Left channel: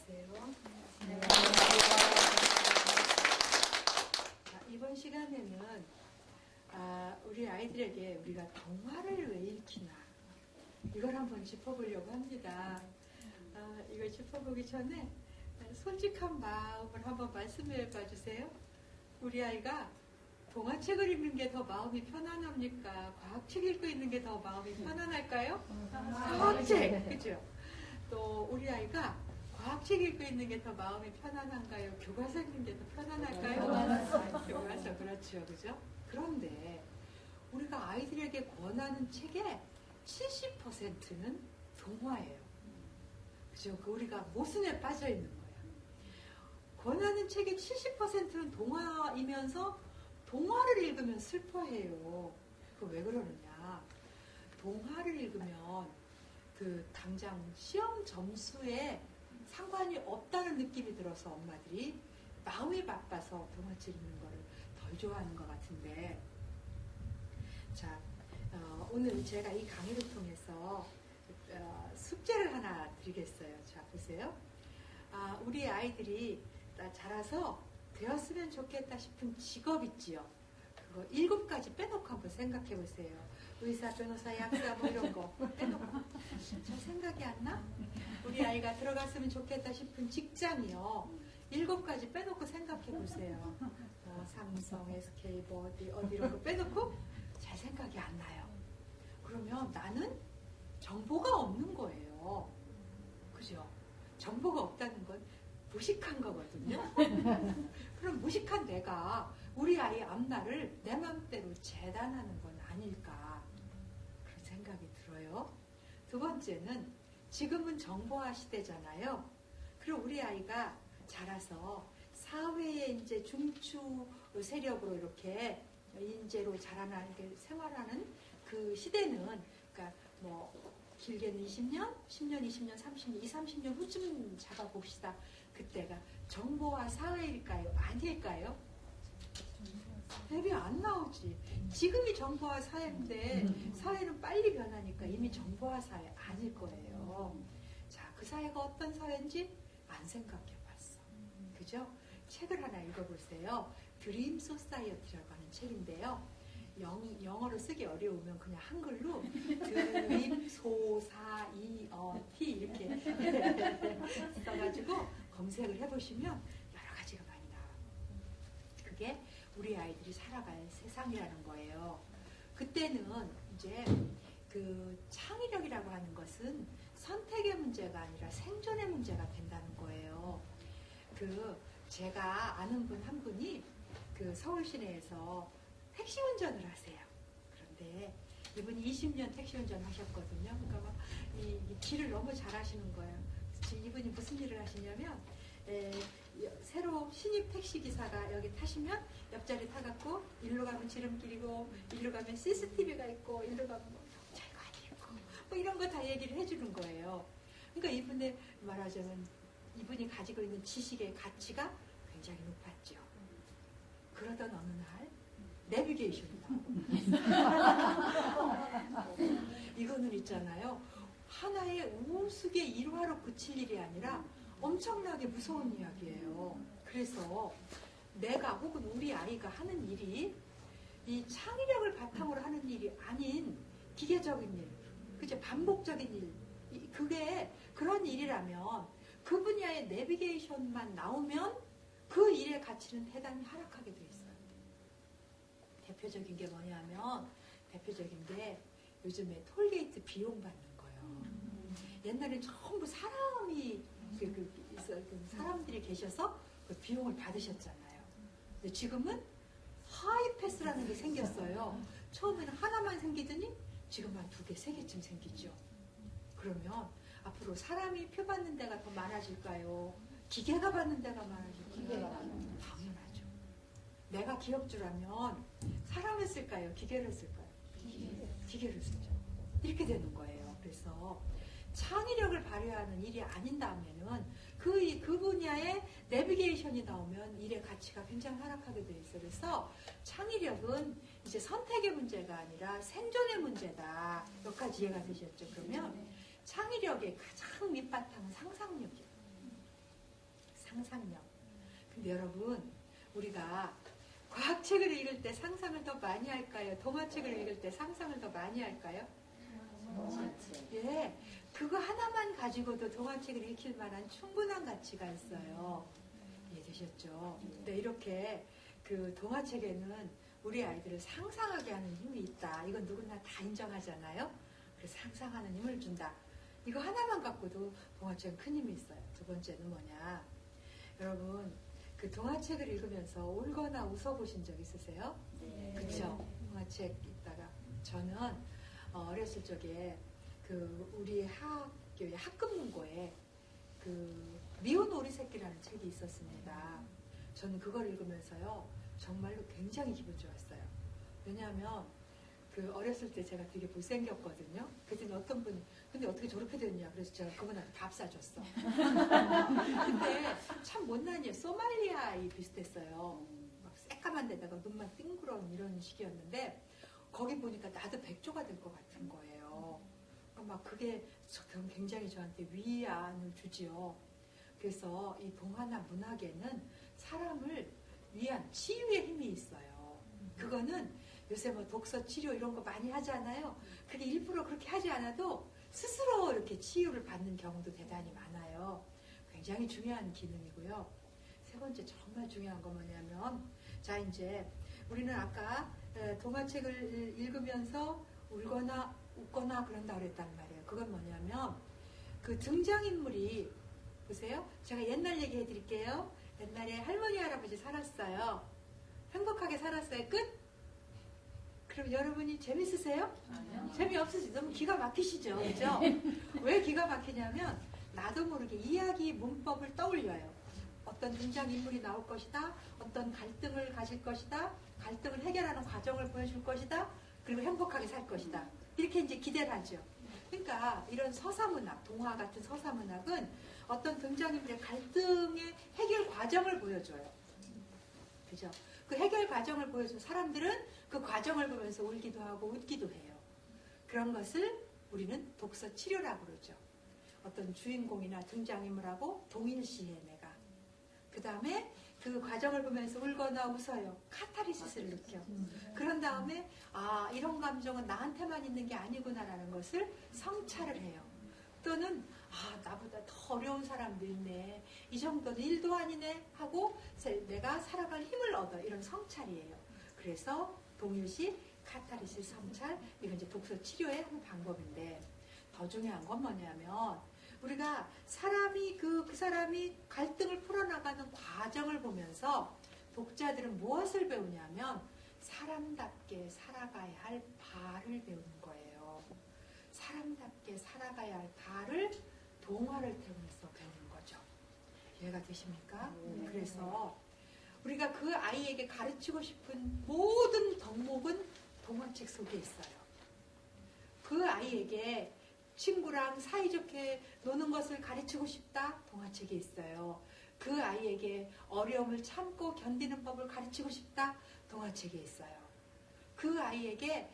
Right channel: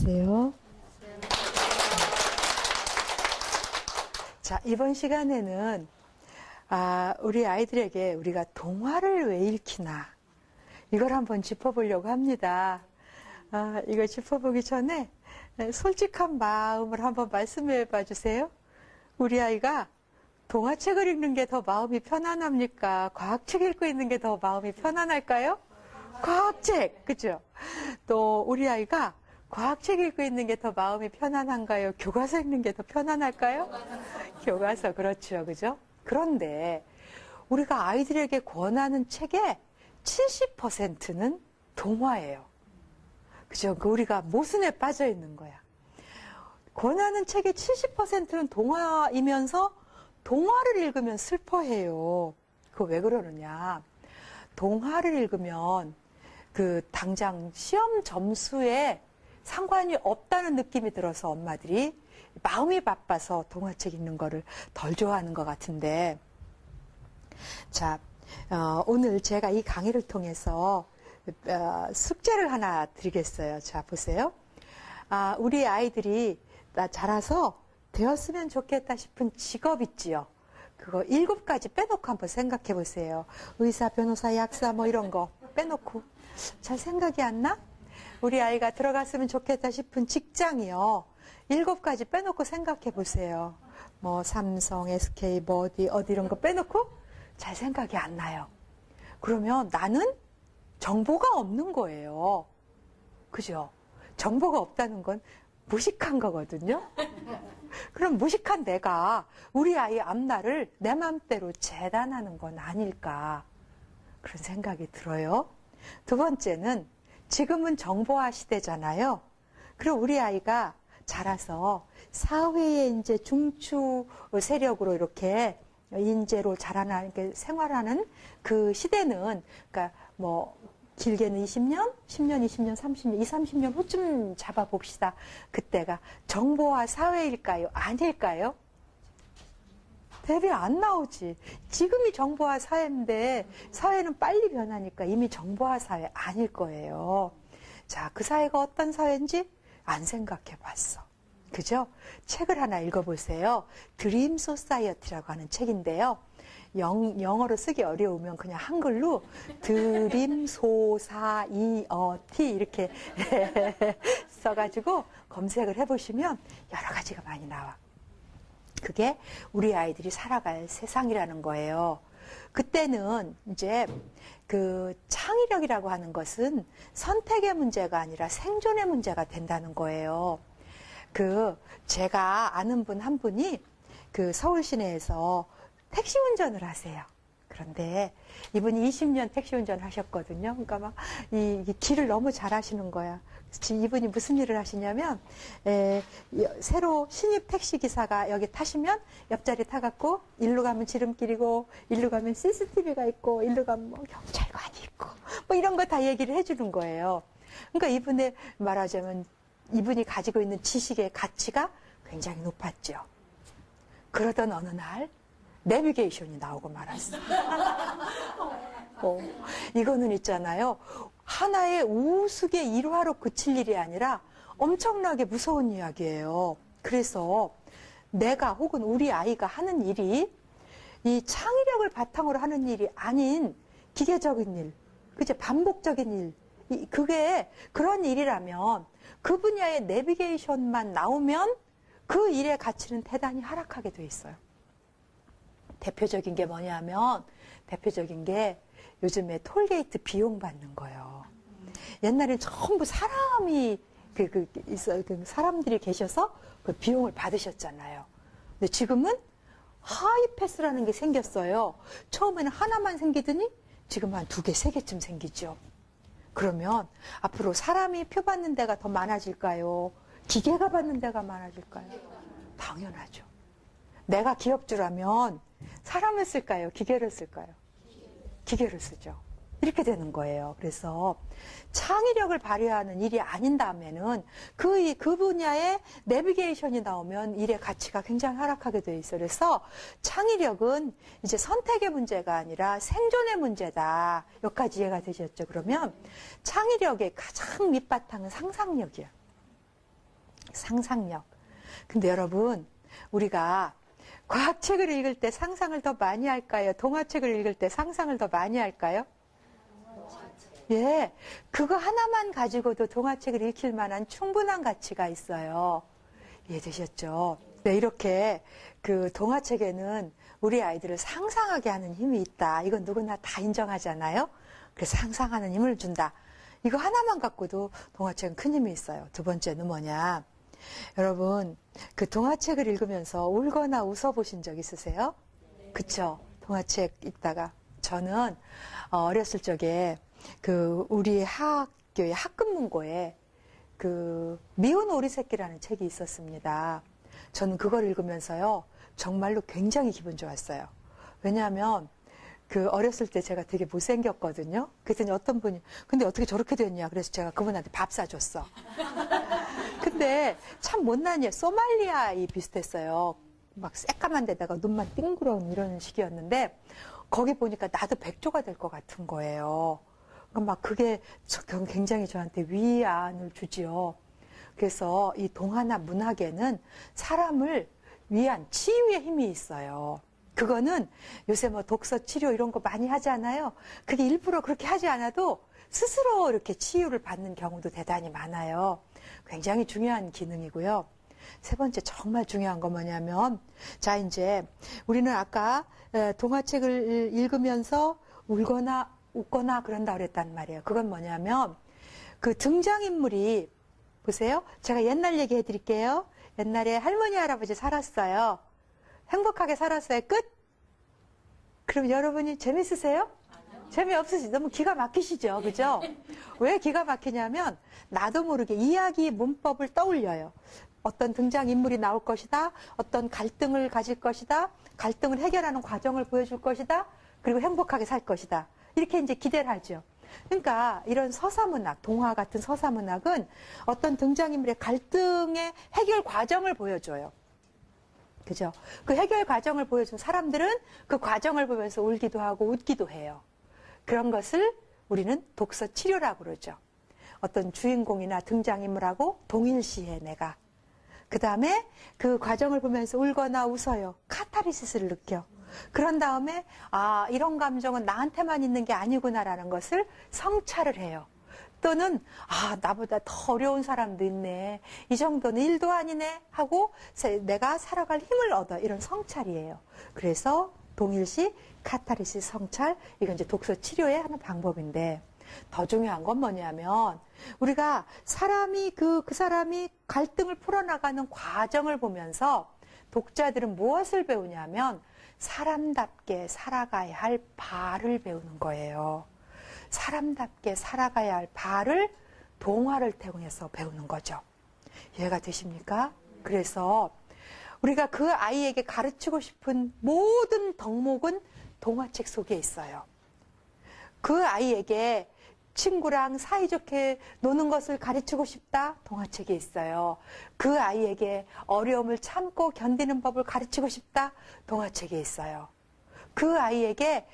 안녕하세요. 자, 이번 시간에는 우리 아이들에게 우리가 동화를 왜 읽히나 이걸 한번 짚어보려고 합니다. 이걸 짚어보기 전에 솔직한 마음을 한번 말씀해 봐 주세요. 우리 아이가 동화책을 읽는 게 더 마음이 편안합니까? 과학책 읽고 있는 게 더 마음이 편안할까요? 과학책, 그죠? 또 우리 아이가 과학책 읽고 있는 게 더 마음이 편안한가요? 교과서 읽는 게 더 편안할까요? 교과서, 그렇죠, 그죠? 그런데 우리가 아이들에게 권하는 책의 70%는 동화예요. 그죠? 우리가 모순에 빠져 있는 거야. 권하는 책의 70%는 동화이면서 동화를 읽으면 슬퍼해요. 그거 왜 그러느냐? 동화를 읽으면 당장 시험 점수에 상관이 없다는 느낌이 들어서 엄마들이 마음이 바빠서 동화책 읽는 거를 덜 좋아하는 것 같은데, 자, 오늘 제가 이 강의를 통해서 숙제를 하나 드리겠어요. 자, 보세요. 우리 아이들이 자라서 되었으면 좋겠다 싶은 직업 있지요. 그거 7가지 빼놓고 한번 생각해 보세요. 의사, 변호사, 약사 뭐 이런 거 빼놓고. 잘 생각이 안 나? 우리 아이가 들어갔으면 좋겠다 싶은 직장이요. 7가지 빼놓고 생각해 보세요. 뭐 삼성, SK, 뭐 어디 이런 거 빼놓고 잘 생각이 안 나요. 그러면 나는 정보가 없는 거예요. 그죠? 정보가 없다는 건 무식한 거거든요. 그럼 무식한 내가 우리 아이 앞날을 내 맘대로 재단하는 건 아닐까, 그런 생각이 들어요. 두 번째는 지금은 정보화 시대잖아요. 그럼 우리 아이가 자라서 사회의 이제 중추 세력으로 이렇게 인재로 자라나는, 생활하는 그 시대는, 그러니까 뭐 길게는 20년, 10년, 20년, 30년, 30년 후쯤 잡아봅시다. 그때가 정보화 사회일까요? 아닐까요? 대비 안 나오지. 지금이 정보화 사회인데 사회는 빨리 변하니까 이미 정보화 사회 아닐 거예요. 자, 그 사회가 어떤 사회인지 안 생각해 봤어. 그죠? 책을 하나 읽어보세요. 드림 소사이어티라고 하는 책인데요. 영어로 쓰기 어려우면 그냥 한글로 드림 소사이어티 이렇게 써가지고 검색을 해보시면 여러 가지가 많이 나와. 그게 우리 아이들이 살아갈 세상이라는 거예요. 그때는 이제 창의력이라고 하는 것은 선택의 문제가 아니라 생존의 문제가 된다는 거예요. 제가 아는 분 한 분이 서울 시내에서 택시 운전을 하세요. 그런데 이분이 20년 택시 운전을 하셨거든요. 그러니까 막 이 길을 너무 잘 하시는 거야. 이분이 무슨 일을 하시냐면, 새로 신입 택시 기사가 여기 타시면 옆자리 타갖고 일로 가면 지름길이고 일로 가면 CCTV가 있고 일로 가면 뭐 경찰관이 있고 뭐 이런 거 다 얘기를 해주는 거예요. 그러니까 이분의 말하자면 이분이 가지고 있는 지식의 가치가 굉장히 높았죠. 그러던 어느 날 내비게이션이 나오고 말았어. 이거는 있잖아요. 하나의 우스개 일화로 그칠 일이 아니라 엄청나게 무서운 이야기예요. 그래서 내가 혹은 우리 아이가 하는 일이 이 창의력을 바탕으로 하는 일이 아닌 기계적인 일, 그죠? 반복적인 일, 그게 그런 일이라면 그 분야의 내비게이션만 나오면 그 일의 가치는 대단히 하락하게 돼 있어요. 대표적인 게 뭐냐면, 대표적인 게 요즘에 톨게이트 비용 받는 거예요. 옛날에 전부 사람이 사람들이 계셔서 그 비용을 받으셨잖아요. 근데 지금은 하이패스라는 게 생겼어요. 처음에는 하나만 생기더니 지금 한 2개, 3개쯤 생기죠. 그러면 앞으로 사람이 표 받는 데가 더 많아질까요? 기계가 받는 데가 많아질까요? 당연하죠. 내가 기업주라면 사람을 쓸까요? 기계를 쓸까요? 기계를 쓰죠. 이렇게 되는 거예요. 그래서 창의력을 발휘하는 일이 아닌다면은 그 분야에 내비게이션이 나오면 일의 가치가 굉장히 하락하게 돼 있어요. 그래서 창의력은 이제 선택의 문제가 아니라 생존의 문제다. 여기까지 이해가 되셨죠? 그러면 창의력의 가장 밑바탕은 상상력이야. 상상력. 근데 여러분, 우리가 과학책을 읽을 때 상상을 더 많이 할까요? 동화책을 읽을 때 상상을 더 많이 할까요? 예, 그거 하나만 가지고도 동화책을 읽힐 만한 충분한 가치가 있어요. 이해되셨죠? 네, 이렇게 그 동화책에는 우리 아이들을 상상하게 하는 힘이 있다. 이건 누구나 다 인정하잖아요? 그래서 상상하는 힘을 준다. 이거 하나만 갖고도 동화책은 큰 힘이 있어요. 두 번째는 뭐냐? 여러분, 그 동화책을 읽으면서 울거나 웃어보신 적 있으세요? 그쵸? 동화책 읽다가. 저는 어렸을 적에 그 우리 학교의 학급문고에 그 미운 오리 새끼라는 책이 있었습니다. 저는 그걸 읽으면서요, 정말로 굉장히 기분 좋았어요. 왜냐하면 그 어렸을 때 제가 되게 못생겼거든요. 그랬더니 어떤 분이 근데 어떻게 저렇게 됐냐, 그래서 제가 그분한테 밥 사줬어. 근데 참 못난 애, 소말리아이 비슷했어요. 막 새까만 데다가 눈만 띵그런 이런 식이었는데 거기 보니까 나도 백조가 될 것 같은 거예요. 막 그게 굉장히 저한테 위안을 주지요. 그래서 이 동화나 문학에는 사람을 위한 치유의 힘이 있어요. 그거는 요새 뭐 독서 치료 이런 거 많이 하잖아요. 그게 일부러 그렇게 하지 않아도 스스로 이렇게 치유를 받는 경우도 대단히 많아요. 굉장히 중요한 기능이고요. 세 번째 정말 중요한 거 뭐냐면, 자, 이제 우리는 아까 동화책을 읽으면서 울거나 웃거나 그런다 그랬단 말이에요. 그건 뭐냐면 그 등장인물이, 보세요. 제가 옛날 얘기 해드릴게요. 옛날에 할머니 할아버지 살았어요. 행복하게 살았어요. 끝? 그럼 여러분이 재밌으세요? 재미없으시죠? 너무 기가 막히시죠? 그죠? 왜 기가 막히냐면 나도 모르게 이야기 문법을 떠올려요. 어떤 등장인물이 나올 것이다. 어떤 갈등을 가질 것이다. 갈등을 해결하는 과정을 보여줄 것이다. 그리고 행복하게 살 것이다. 이렇게 이제 기대를 하죠. 그러니까 이런 서사문학, 동화 같은 서사문학은 어떤 등장인물의 갈등의 해결 과정을 보여줘요. 그죠? 그 해결 과정을 보여주면 사람들은 그 과정을 보면서 울기도 하고 웃기도 해요. 그런 것을 우리는 독서 치료라고 그러죠. 어떤 주인공이나 등장인물하고 동일시해 내가. 그 다음에 그 과정을 보면서 울거나 웃어요. 카타르시스를 느껴. 그런 다음에 아, 이런 감정은 나한테만 있는 게 아니구나라는 것을 성찰을 해요. 또는 아, 나보다 더 어려운 사람도 있네. 이 정도는 일도 아니네 하고 내가 살아갈 힘을 얻어. 이런 성찰이에요. 그래서 동일시, 카타르시스, 성찰, 이건 이제 독서 치료의 하는 방법인데, 더 중요한 건 뭐냐면 우리가 사람이 그 사람이 갈등을 풀어나가는 과정을 보면서 독자들은 무엇을 배우냐면 사람답게 살아가야 할 바를 배우는 거예요. 사람답게 살아가야 할 바를 동화를 통해서 배우는 거죠. 이해가 되십니까? 그래서 우리가 그 아이에게 가르치고 싶은 모든 덕목은 동화책 속에 있어요. 그 아이에게 친구랑 사이좋게 노는 것을 가르치고 싶다? 동화책에 있어요. 그 아이에게 어려움을 참고 견디는 법을 가르치고 싶다? 동화책에 있어요. 그 아이에게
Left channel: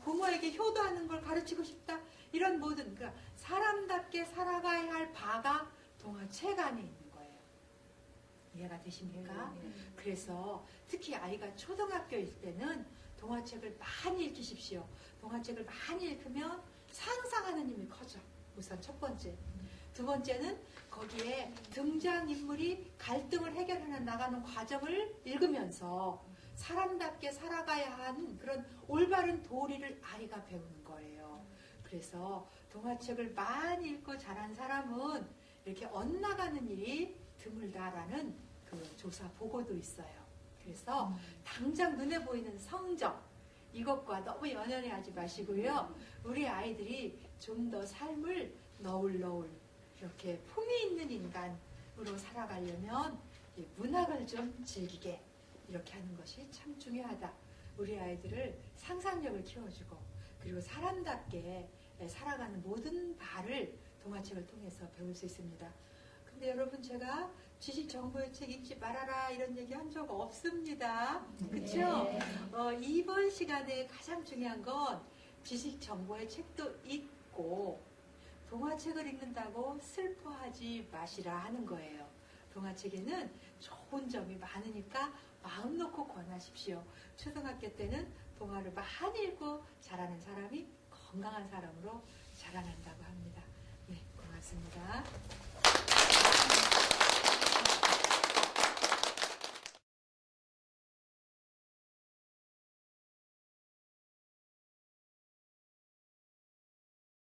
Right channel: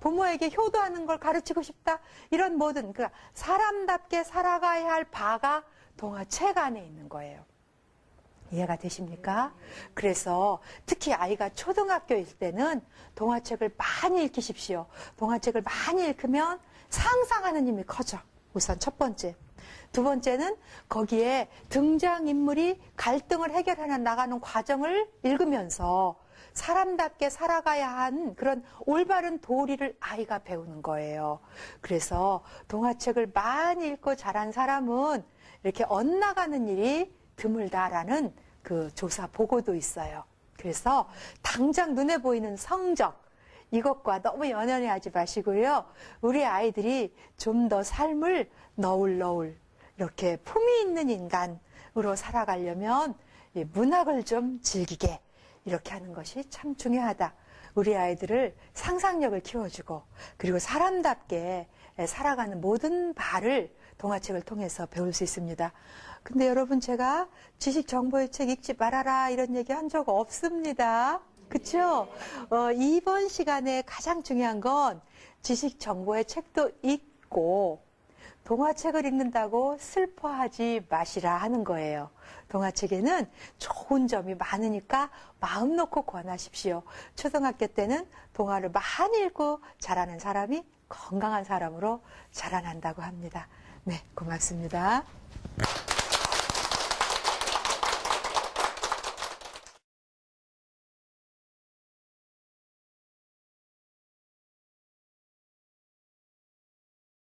부모에게 효도하는 걸 가르치고 싶다? 이런 모든 그러니까 사람답게 살아가야 할 바가 동화책 안에 있는 거예요. 이해가 되십니까? 그래서 특히 아이가 초등학교일 때는 동화책을 많이 읽히십시오. 동화책을 많이 읽으면 상상하는 힘이 커져. 우선 첫 번째. 두 번째는 거기에 등장인물이 갈등을 해결해 나가는 과정을 읽으면서 사람답게 살아가야 하는 그런 올바른 도리를 아이가 배우는 거예요. 그래서 동화책을 많이 읽고 자란 사람은 이렇게 엇나가는 일이 드물다라는 그 조사 보고도 있어요. 그래서 당장 눈에 보이는 성적, 이것과 너무 연연해 하지 마시고요. 우리 아이들이 좀 더 삶을 너울너울 이렇게 품위 있는 인간으로 살아가려면 문학을 좀 즐기게 이렇게 하는 것이 참 중요하다. 우리 아이들을 상상력을 키워주고 그리고 사람답게 살아가는 모든 바를 동화책을 통해서 배울 수 있습니다. 근데 여러분, 제가 지식 정보의 책 읽지 말아라 이런 얘기 한 적 없습니다. 그렇죠? 이번 시간에 가장 중요한 건 지식 정보의 책도 읽고 동화책을 읽는다고 슬퍼하지 마시라 하는 거예요. 동화책에는 좋은 점이 많으니까 마음 놓고 권하십시오. 초등학교 때는 동화를 많이 읽고 자라는 사람이 건강한 사람으로 자라난다고 합니다. 네, 고맙습니다.